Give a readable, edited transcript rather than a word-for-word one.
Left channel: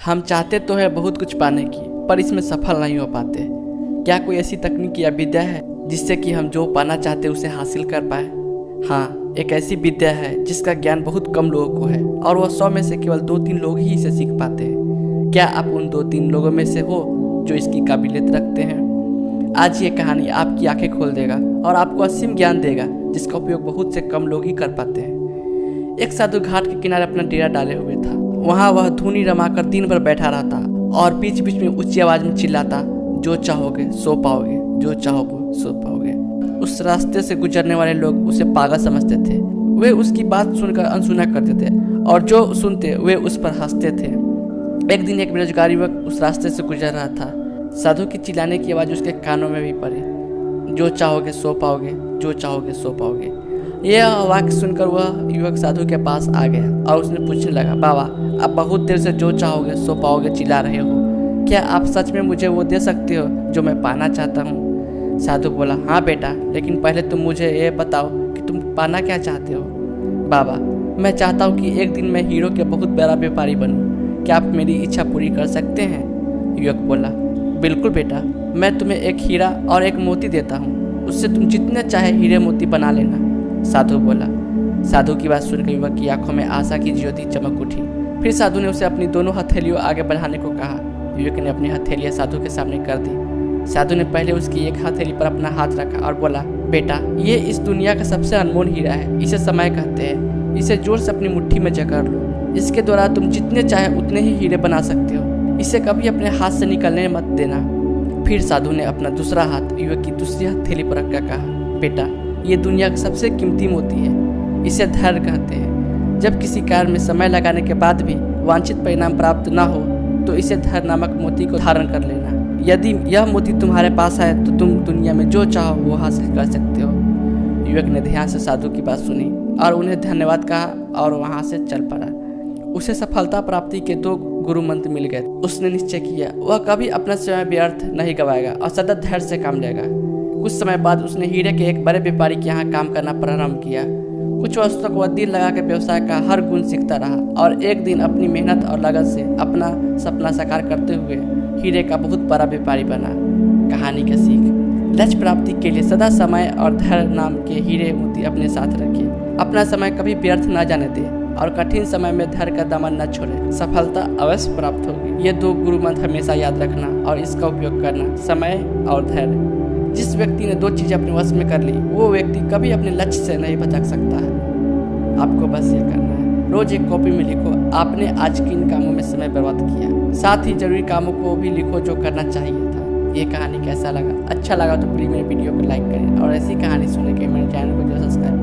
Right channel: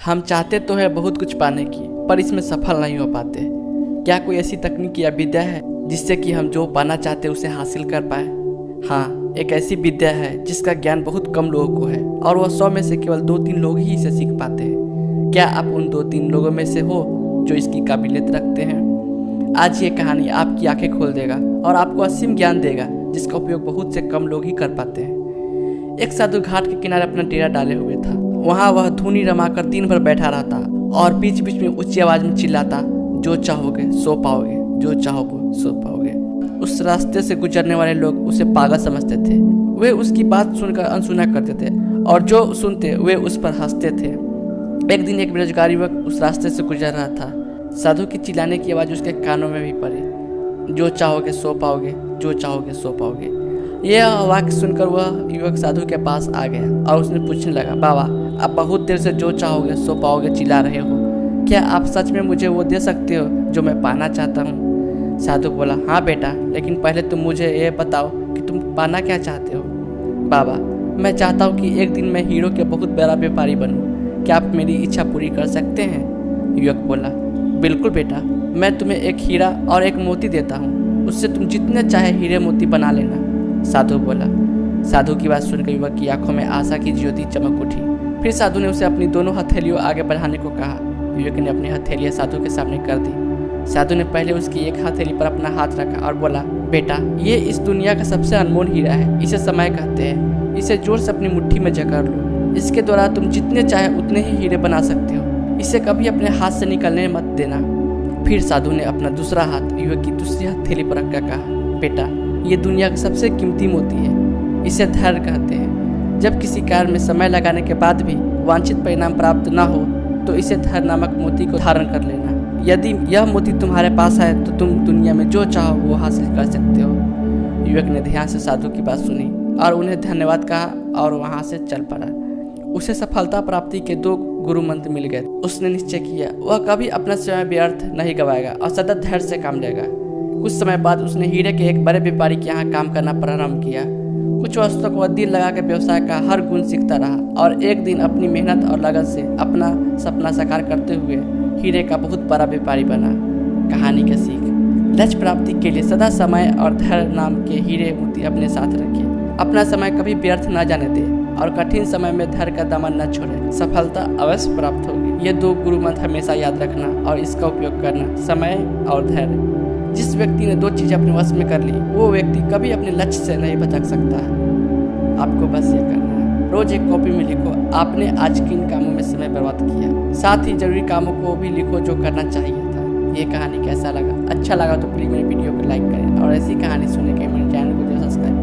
हम चाहते तो है बहुत कुछ पाने की, पर इसमें सफल नहीं हो पाते। क्या कोई ऐसी तकनीक या विद्या है जिससे कि हम जो पाना चाहते उसे हासिल कर पाए? हाँ, एक ऐसी विद्या है जिसका ज्ञान बहुत कम लोगों को है और वह 100 में से केवल 2-3 लोग ही इसे सीख पाते हैं। क्या आप उन 2-3 लोगों में से हो जो इसकी काबिलियत रखते हैं? आज ये कहानी आपकी आंखें खोल देगा और आपको असीम ज्ञान देगा जिसका उपयोग बहुत से कम लोग ही कर पाते हैं। एक साधु घाट के किनारे अपना डेरा डाले हुए था। वहाँ वह धूनी रमाकर दिन भर बैठा रहता और बीच बीच में ऊंची आवाज में चिल्लाता, जो चाहोगे सो पाओगे, जो चाहोगे सो पाओगे। उस रास्ते से गुजरने वाले लोग उसे पागल समझते थे। वे उसकी बात सुनकर अनसुना करते थे और जो सुनते वे उस पर हंसते थे। एक दिन एक बेरोजगार युवक उस रास्ते से गुजर रहा था। साधु की चिल्लाने की आवाज़ उसके कानों में भी पड़ी, जो चाहोगे सो पाओगे, जो चाहोगे सो पाओगे। यह वाक्य सुनकर वह युवक साधु के पास आ गया और उसने पूछने लगा, बाबा, आप बहुत देर से जो चाहोगे सो पाओगे चिल्ला रहे हो, क्या आप सच में मुझे वो दे सकते हो जो मैं पाना चाहता हूँ? साधु बोला, हाँ बेटा, लेकिन पहले तुम मुझे ये बताओ कि तुम पाना क्या चाहते हो? बाबा, मैं चाहता हूँ कि एक दिन मैं हीरो के बहुत बड़ा व्यापारी बनूँ। क्या आप मेरी इच्छा पूरी कर सकते हैं? युवक बोला, बिल्कुल बेटा, मैं तुम्हें एक हीरा और एक मोती देता हूँ, उससे तुम जितने चाहे हीरे मोती बना लेना। साधु बोला। साधु की बात सुनकर युवक की आंखों में आशा की ज्योति चमक उठी। फिर साधु ने उसे अपनी दोनों हथेलियों आगे बढ़ाने को कहा। युवक ने अपनी हथेलियां साधु के सामने कर दी। साधु ने पहले उसकी एक हथेली पर अपना हाथ रखा और बोला, बेटा, ये इस दुनिया का सबसे अनमोल हीरा है, इसे समय कहते हैं। इसे जोर से अपनी मुट्ठी में जकड़ लो। इसके द्वारा तुम जितने चाहे उतने ही हीरे बना सकते हो। इसे कभी अपने हाथ से निकलने मत देना। फिर साधु ने अपना दूसरा हाथ युवक की दूसरी हथेली पर रखकर कहा, बेटा, ये दुनिया का सबसे कीमती मोती है, इसे धैर्य कहते हैं। जब किसी कार्य में समय लगाने के बाद भी वांछित परिणाम प्राप्त न हो तो इसे धैर्य नामक मोती को धारण कर लेना। यदि यह मोती तुम्हारे पास है तो तुम दुनिया में जो चाहो वो हासिल कर सकते हो। युवक ने ध्यान से साधु की बात सुनी और उन्हें धन्यवाद कहा और वहाँ से चल पड़ा। उसे सफलता प्राप्ति के 2 गुरु मंत्र मिल गए। उसने निश्चय किया वह कभी अपना समय व्यर्थ नहीं गवाएगा और सतत धैर्य से काम लेगा। कुछ समय बाद उसने हीरे के एक बड़े व्यापारी के यहाँ काम करना प्रारंभ किया। कुछ वर्षों तक वह दिल लगा के व्यवसाय का हर गुण सीखता रहा और एक दिन अपनी मेहनत और लगन से अपना सपना साकार करते हुए हीरे का बहुत बड़ा व्यापारी बना। कहानी का सीख, लक्ष्य प्राप्ति के लिए सदा समय और धैर्य नाम के हीरे मोती अपने साथ रखें। अपना समय कभी व्यर्थ न जाने दे और कठिन समय में धैर्य का दामन न छोड़े। सफलता अवश्य प्राप्त होगी। ये 2 गुरु मंत्र हमेशा याद रखना और इसका उपयोग करना, समय और धैर्य। जिस व्यक्ति ने 2 चीज़ें अपने वश में कर ली वो व्यक्ति कभी अपने लक्ष्य से नहीं भटक सकता है। आपको बस ये करना है, रोज एक कॉपी में लिखो आपने आज किन कामों में समय बर्बाद किया। साथ ही जरूरी कामों को भी लिखो जो करना चाहिए था। ये कहानी कैसा लगा? अच्छा लगा तो प्लीज़ मेरे वीडियो को लाइक करें और ऐसी कहानी सुनने के मेरे चैनल को जो सब्सक्राइब